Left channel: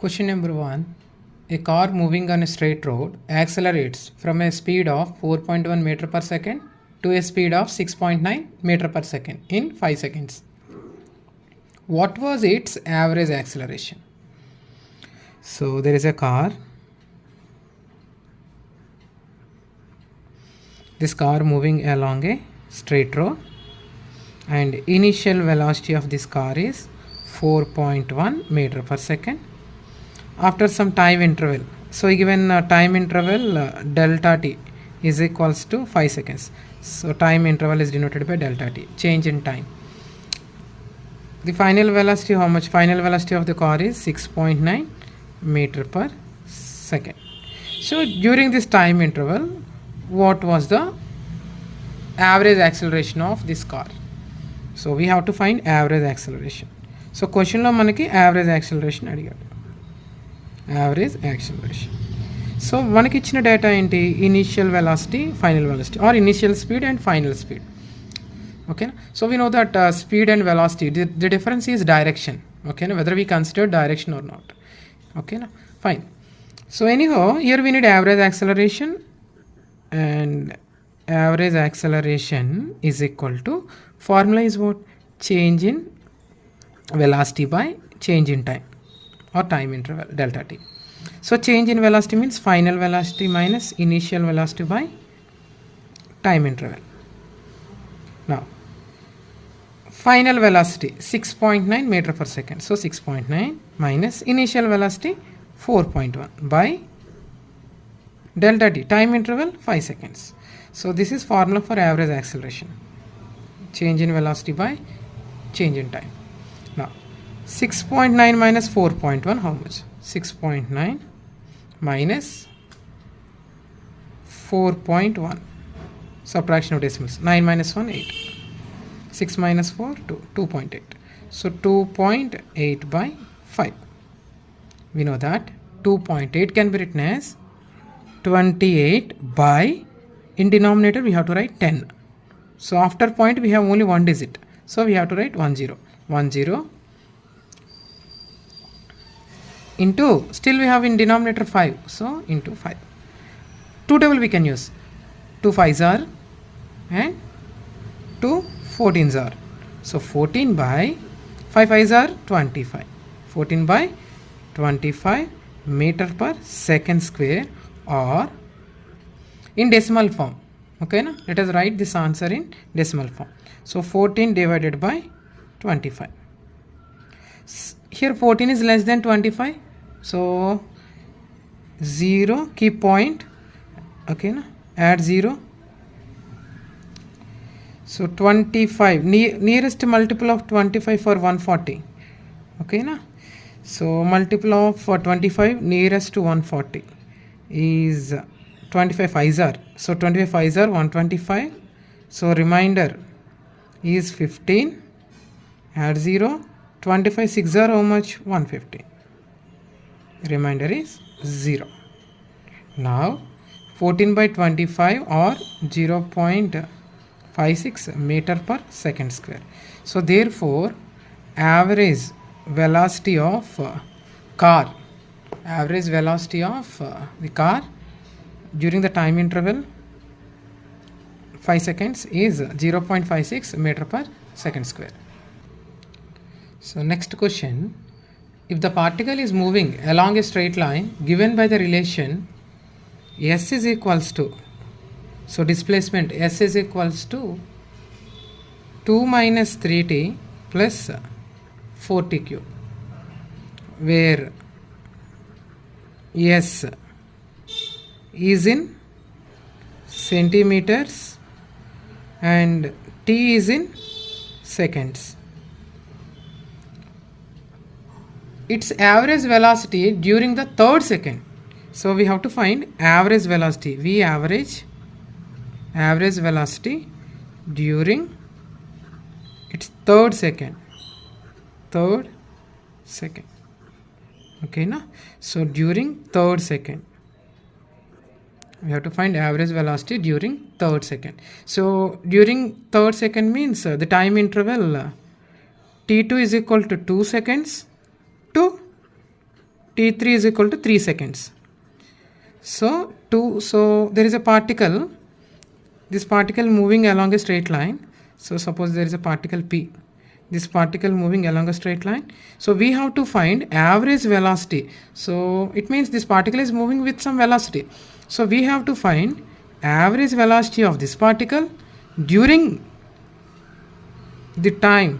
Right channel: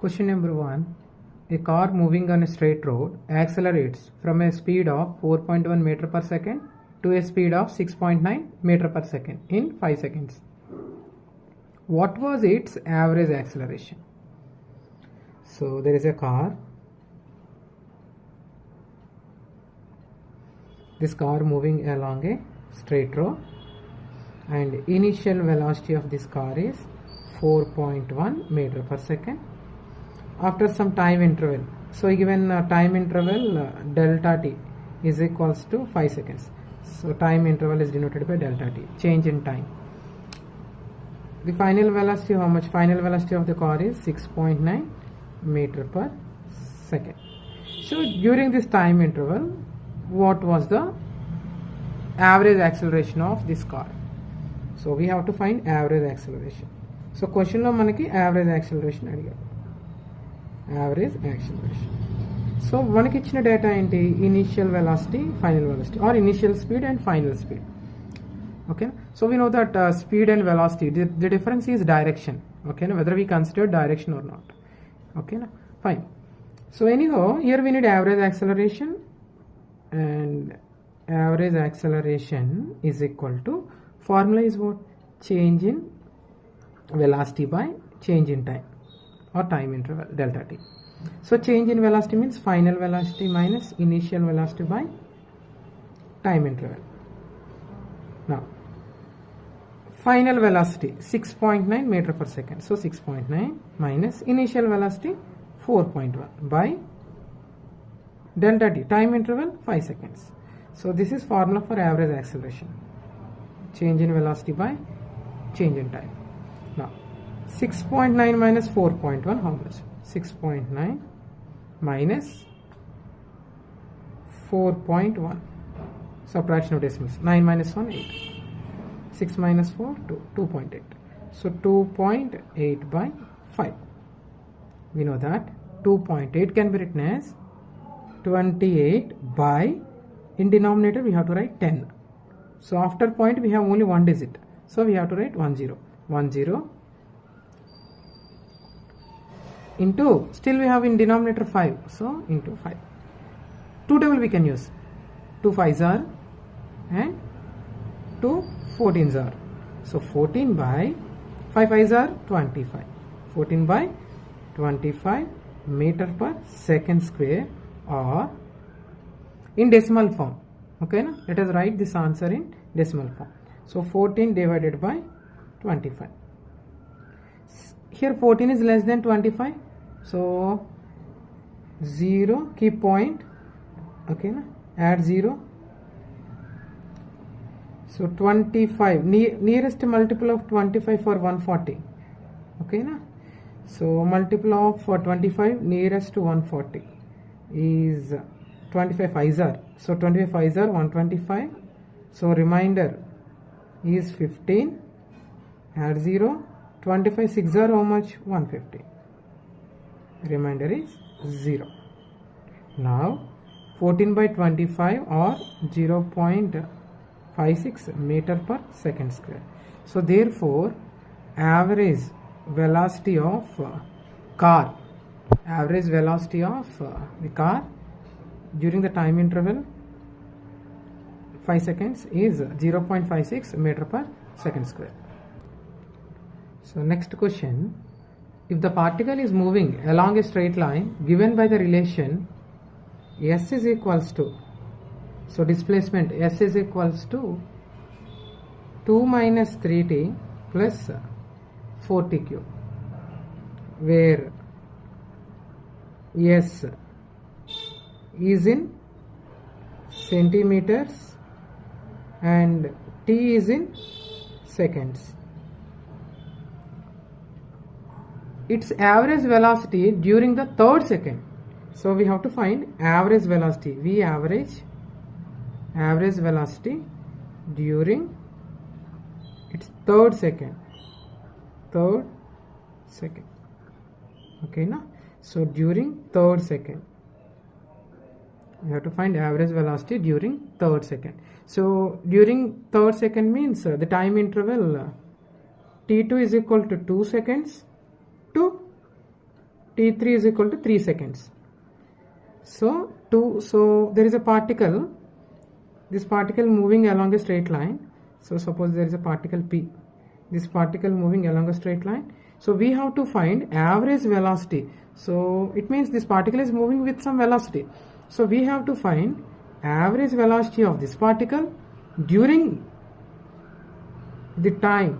Question number 1. A car moving on a straight road accelerates from a speed of 4.1 meter per second to a speed of 6.9 meter per second in 5 seconds. What was its average acceleration? So there is a car. This car moving along a straight road, and initial velocity of this car is 4.1 meter per second. After some time interval, so given time interval delta t is equals to 5 seconds. So time interval is denoted by delta t, change in time. The final velocity, how much? Final velocity of the car is 6.9 meter per second. So during this time interval, what was the average acceleration of this car? So we have to find average acceleration. So question lo manaki average acceleration అడిగాడు. Average acceleration. So మనకి ఇచ్చిన data ఏంటి? Initial velocity, final velocity, or initial speed and final speed. Okay, so we know that speed and velocity, the difference is direction. Okay, whether we consider direction or not. Okay, fine. So anyhow, here we need average acceleration, and average acceleration is equal to, formula is what? Change in velocity by change in time, or time interval, delta t. So change in velocity means final velocity minus initial velocity by time interval. Now final velocity 6.9 meter per second, so 6.9 minus initial velocity 4.1 by delta t, time interval 5 seconds. So this is formula for average acceleration, change in velocity by change in time. Now 6.9 minus 4.1, how much? 6.9 minus 4.1, subtraction of decimals, 9 minus 1, 8. 6 minus 4, 2, 2.8. So 2.8 by 5. We know that 2.8 can be written as 28 by, in denominator we have to write 10. So after point we have only one digit. So we have to write 10. 10 into, still we have in denominator 5. So into 5. 2 table we can use. 2 5s are and 2 14s are. So 14 by 5 5s are 25. 14 by 25 meter per second square, or in decimal form. Okay, na? Let us write this answer in decimal form. So 14 divided by 25. Here 14 is less than 25. So 0, keep point. Okay, na? Add 0. So 25, nearest multiple of 25 for 140. Okay, na? So multiple of 25 nearest to 140 is 25 5s are. So 25 5s are 125. So remainder is 15. Add 0. 25 6s are how much? 150. Remainder is 0. Now 14 by 25 or 0.56 meter per second square. So therefore average velocity of car, average velocity of the car during the time interval 5 seconds is 0.56 meter per second square. So next question, if the particle is moving along a straight line given by the relation S is equals to, so displacement S is equals to 2 minus 3t plus 4t cube, where S is in centimeters and t is in seconds. Its average velocity during the third second. So we have to find average velocity. We average velocity during its third second. Okay, na? So during third second we have to find average velocity during third second. So during third second means the time interval t2 is equal to 2 seconds to t3 is equal to 3 seconds. So there is a particle, this particle moving along a straight line. So suppose there is a particle P, this particle moving along a straight line. So we have to find average velocity. So it means this particle is moving with some velocity. So we have to find average velocity of this particle during the time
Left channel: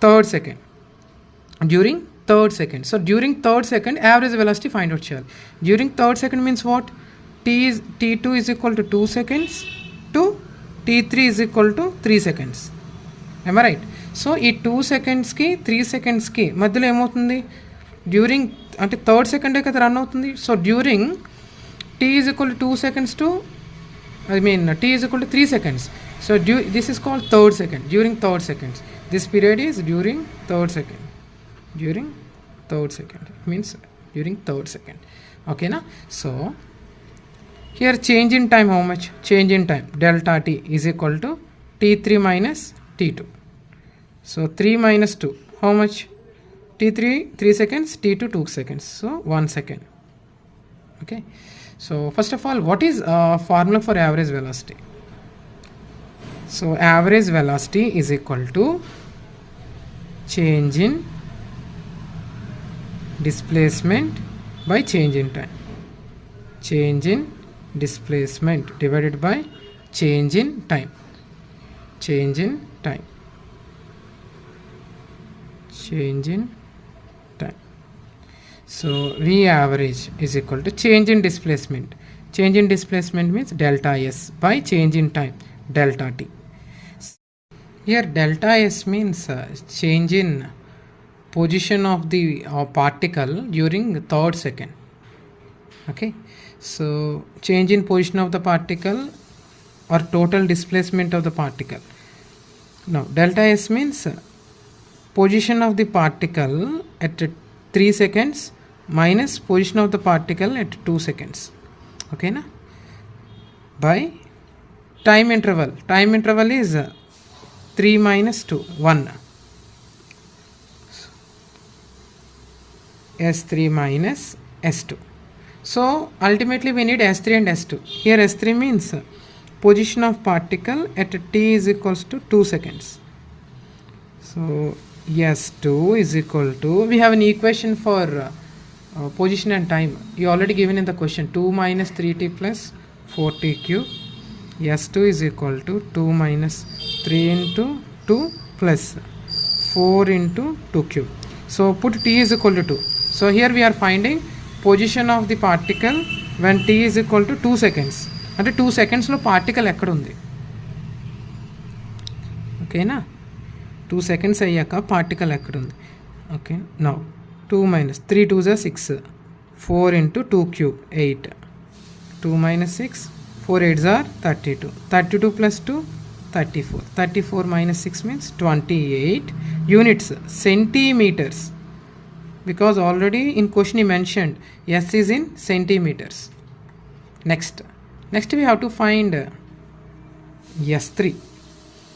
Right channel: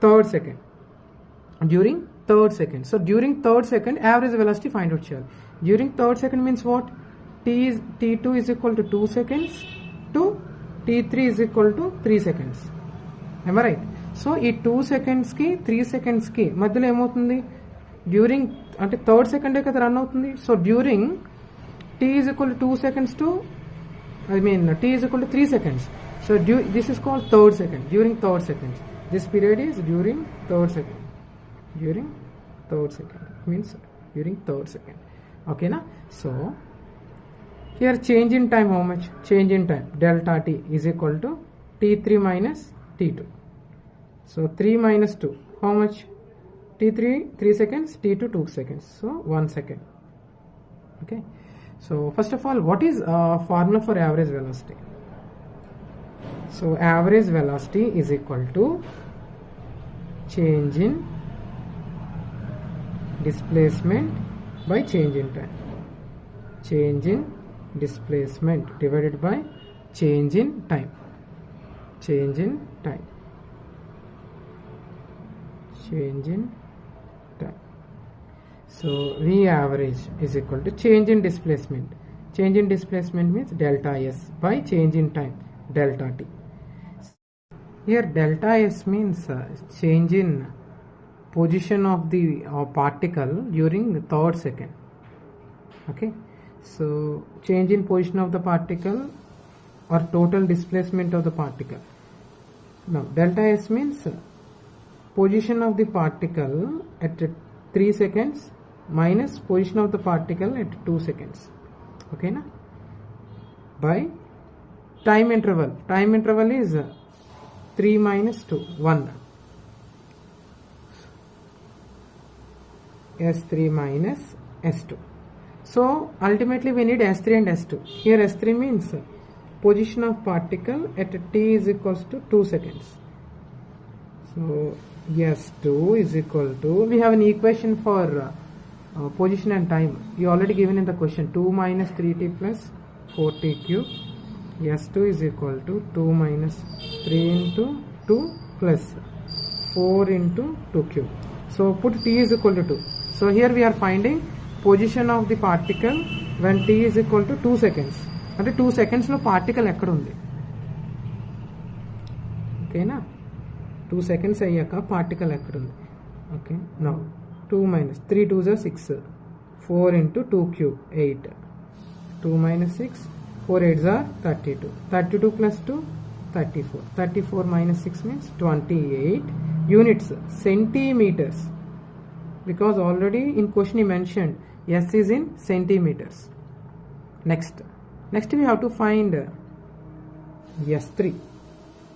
third second. During third second. So during third second average velocity find out cheyali. During third second means what? T2 is equal to 2 seconds to T3 is equal to 3 seconds. Am I right? So ఈ 2 సెకండ్స్కి 3 సెకండ్స్కి మధ్యలో ఏమవుతుంది? During అంటే third సెకండే కదా run అవుతుంది. So during t is equal to 2 seconds to t is equal to 3 seconds. So this is called third second. During third seconds. This period is during third second. During third second means during third second. Okay na? So here change in time, how much? Change in time delta t is equal to t3 minus t2. So 3 minus 2, how much? T3 3 seconds, t2 2 seconds, so 1 second. Okay, so first of all, what is formula for average velocity? So average velocity is equal to change in displacement by change in time. Change in displacement divided by change in time. Change in time. Change in time. So V average is equal to change in displacement. Change in displacement means delta S by change in time, delta T. Here delta S means change in position of the particle during the third second. Okay, so change in position of the particle or total displacement of the particle. Now delta S means position of the particle at 3 seconds minus position of the particle at 2 seconds. Okay na? By time interval. Time interval is 3 minus 2, 1. S3 minus S2. So ultimately we need S3 and S2. Here S3 means position of particle at t is equals to 2 seconds. So S2 is equal to, we have an equation for position and time. You already given in the question, 2 minus 3t plus 4t cube. S2 is equal to 2 minus 3 into 2 plus 4 into 2 cube. So put t is equal to 2. So here we are finding position of the particle when t is equal to 2 seconds. అంటే 2 secondsలో particle ఎక్కడ ఉంది? ఓకేనా? 2 seconds అయ్యాక particle ఎక్కడ ఉంది? Okay, now 2 minus 3 2s are 6, 4 into 2 cube 8, 2 minus 6, 4 8s are 32, 32 plus 2 34, 34 minus 6 means 28 units, centimeters. Because already in question he mentioned S is in centimeters. Next we have to find S3.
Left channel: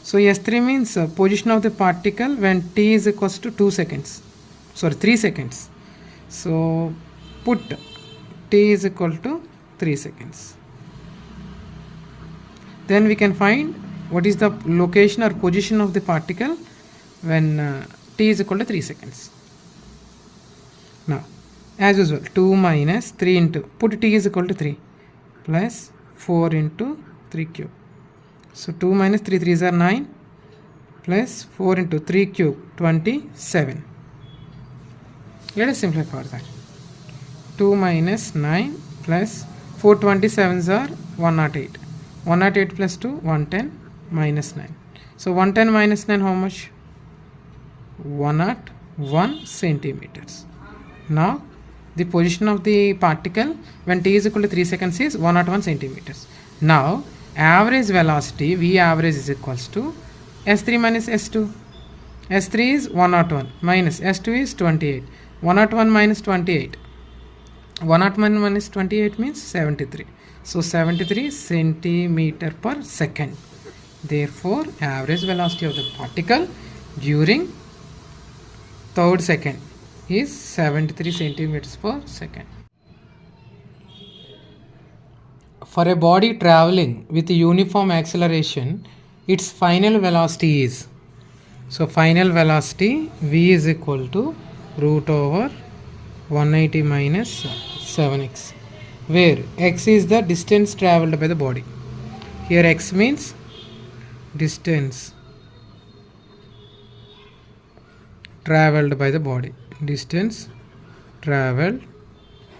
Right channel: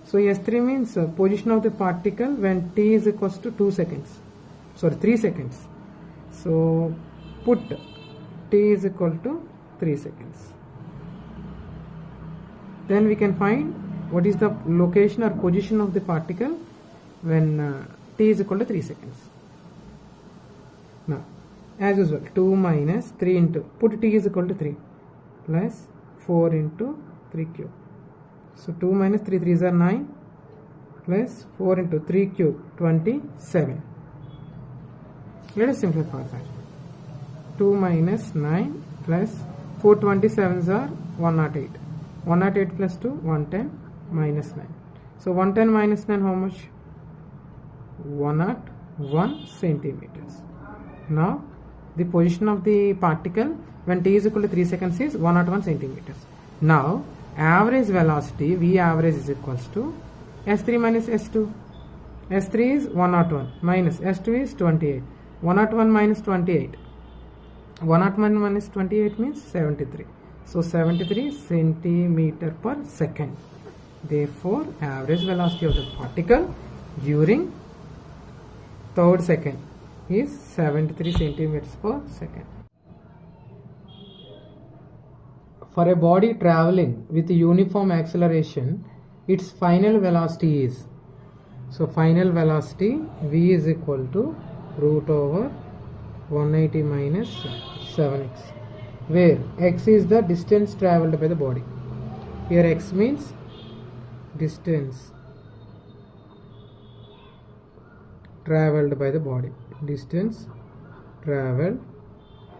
So S3 means position of the particle when t is equals to 2 seconds. Sorry, 3 seconds. So put t is equal to 3 seconds. Then we can find what is the location or position of the particle when t is equal to 3 seconds. Now as usual, 2 minus 3 into, put t is equal to 3 plus 4 into 3 cube. So 2 minus 3 3s are 9 plus 4 into 3 cube 27. Let us simplify that. 2 minus 9 plus 4 27s are 108. 108 plus 2 110 minus 9. So 110 minus 9 how much? 101 centimeters. Now the position of the particle when t is equal to 3 seconds is 101 centimeters. Now average velocity V average is equals to S3 minus S2. S3 is 101 minus S2 is 28. 101 minus 28. 101 minus 28 means 73. So 73 centimeter per second. Therefore average velocity of the particle during third second is 73 centimeters per second. For a body traveling with uniform acceleration, its final velocity is, so final velocity v is equal to root over 180 minus 7x, where x is the distance traveled by the body. Here x means distance traveled by the body, distance traveled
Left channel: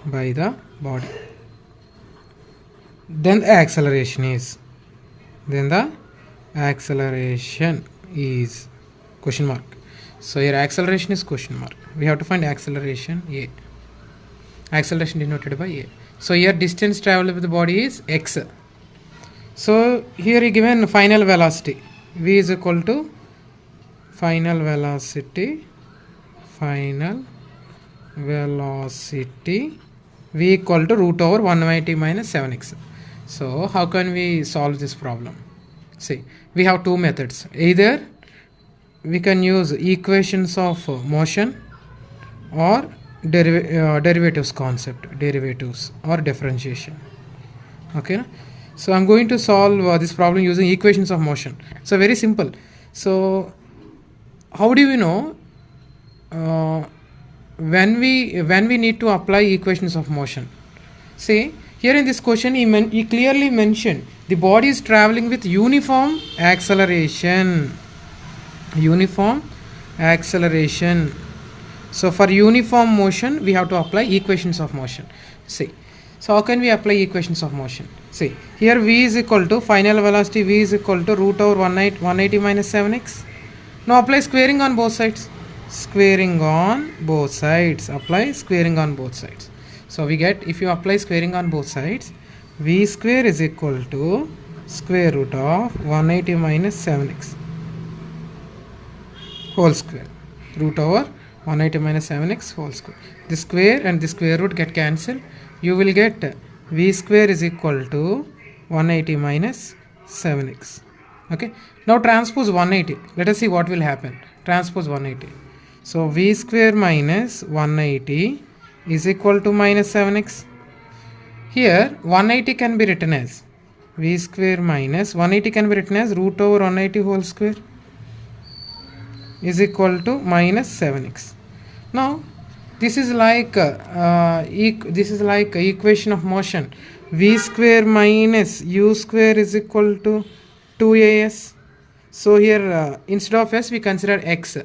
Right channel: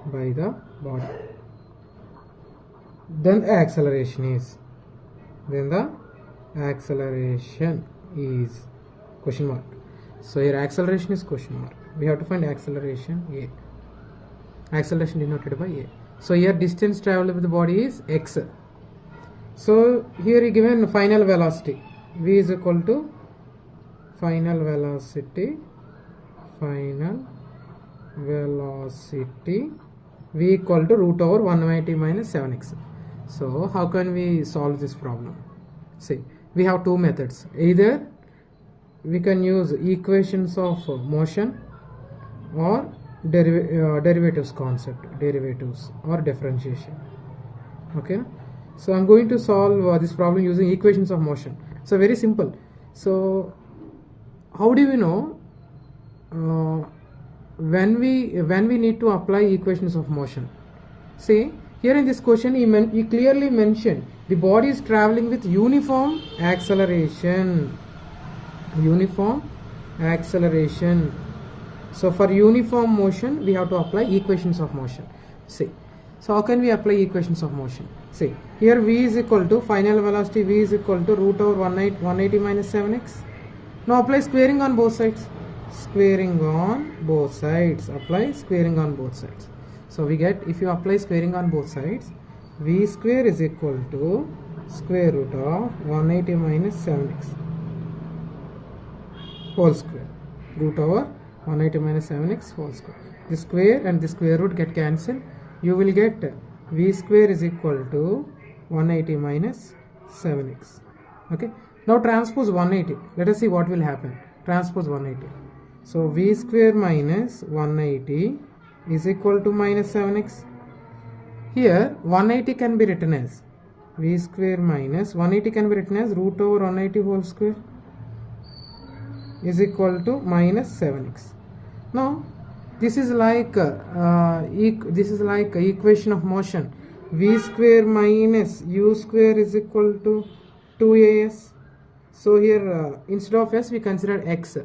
by the body. Then the acceleration is, question mark. So here acceleration is question mark. We have to find acceleration a. Acceleration denoted by a. So here distance traveled by the body is x. So here he given final velocity v is equal to final velocity v equal to root over 180 minus 7x. So how can we solve this problem? See, we have two methods. Either we can use equations of motion or derivatives concept, derivatives or differentiation. Okay, so I'm going to solve this problem using equations of motion. So very simple. So how do we know when we need to apply equations of motion? See, here in this question he clearly mentioned the body is traveling with uniform acceleration. So for uniform motion we have to apply equations of motion. See, so how can we apply equations of motion? See, here v is equal to final velocity v is equal to root over 180 minus 7x. Now apply squaring on both sides. Apply squaring on both sides. So we get, if you apply squaring on both sides, v square is equal to square root of 180 minus 7x whole square, root over 180 minus 7x whole square. The square and the square root get cancelled. You will get v square is equal to 180 minus 7x. Okay, now transpose 180. Let us see what will happen. Transpose 180. So v square minus 180 is equal to minus 7x. Here 180 can be written as v square minus 180 can be written as root over 180 whole square is equal to minus 7x. Now this is like equation of motion. V square minus u square is equal to 2as. So here instead of s we consider x.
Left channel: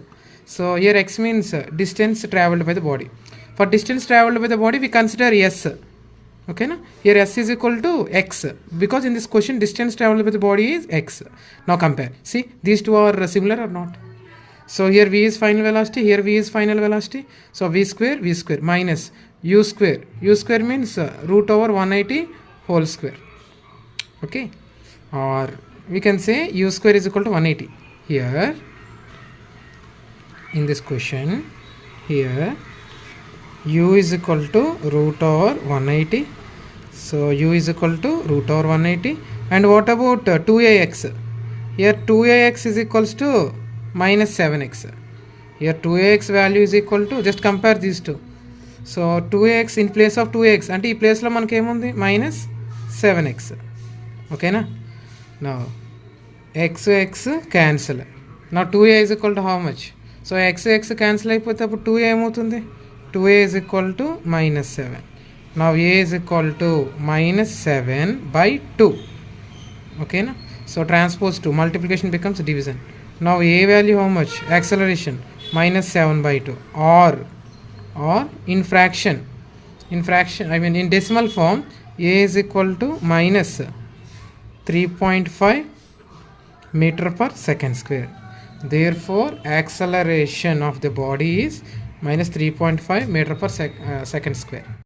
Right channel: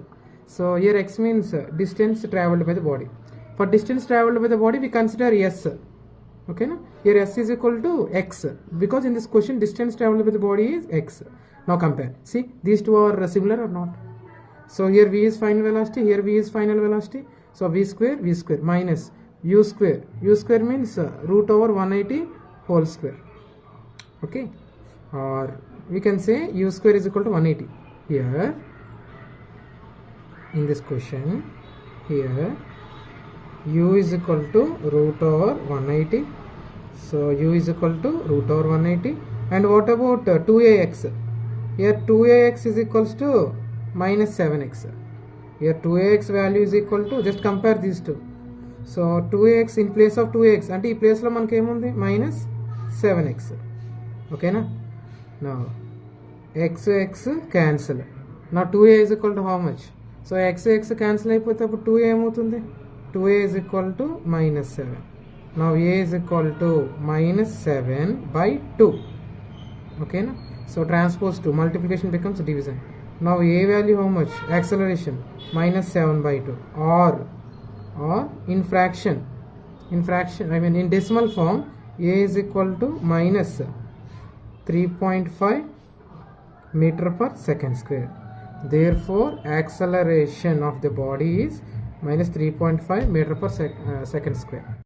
So here x means distance traveled by the body. For distance traveled by the body we consider s. Okay, na? Here s is equal to x, because in this question distance traveled by the body is x. Now compare. See, these two are similar or not? So here v is final velocity, here v is final velocity. So v square minus u square. U square means root over 180 whole square. Okay, or we can say u square is equal to 180. Here in this question, here u is equal to root over 180. So u is equal to root over 180. And what about 2ax? Here 2ax is equals to minus 7x. Here 2ax value is equal to, just compare these two. So 2ax in place of 2x and ee place lo manaki em undi minus 7x. Okay na? Now x cancel. Now 2a is equal to how much? So x cancel అయిపోతే అప్పుడు 2a ఏమవుతుంది? 2a is equal to minus 7. Now a is equal to minus 7 by 2. Okay na? So transpose 2, multiplication becomes division. Now a value how much? Acceleration minus 7 by 2. Or in fraction, I mean in decimal form, a is equal to minus 3.5 meter per second square. Therefore acceleration of the body is minus 3.5 meter per second square.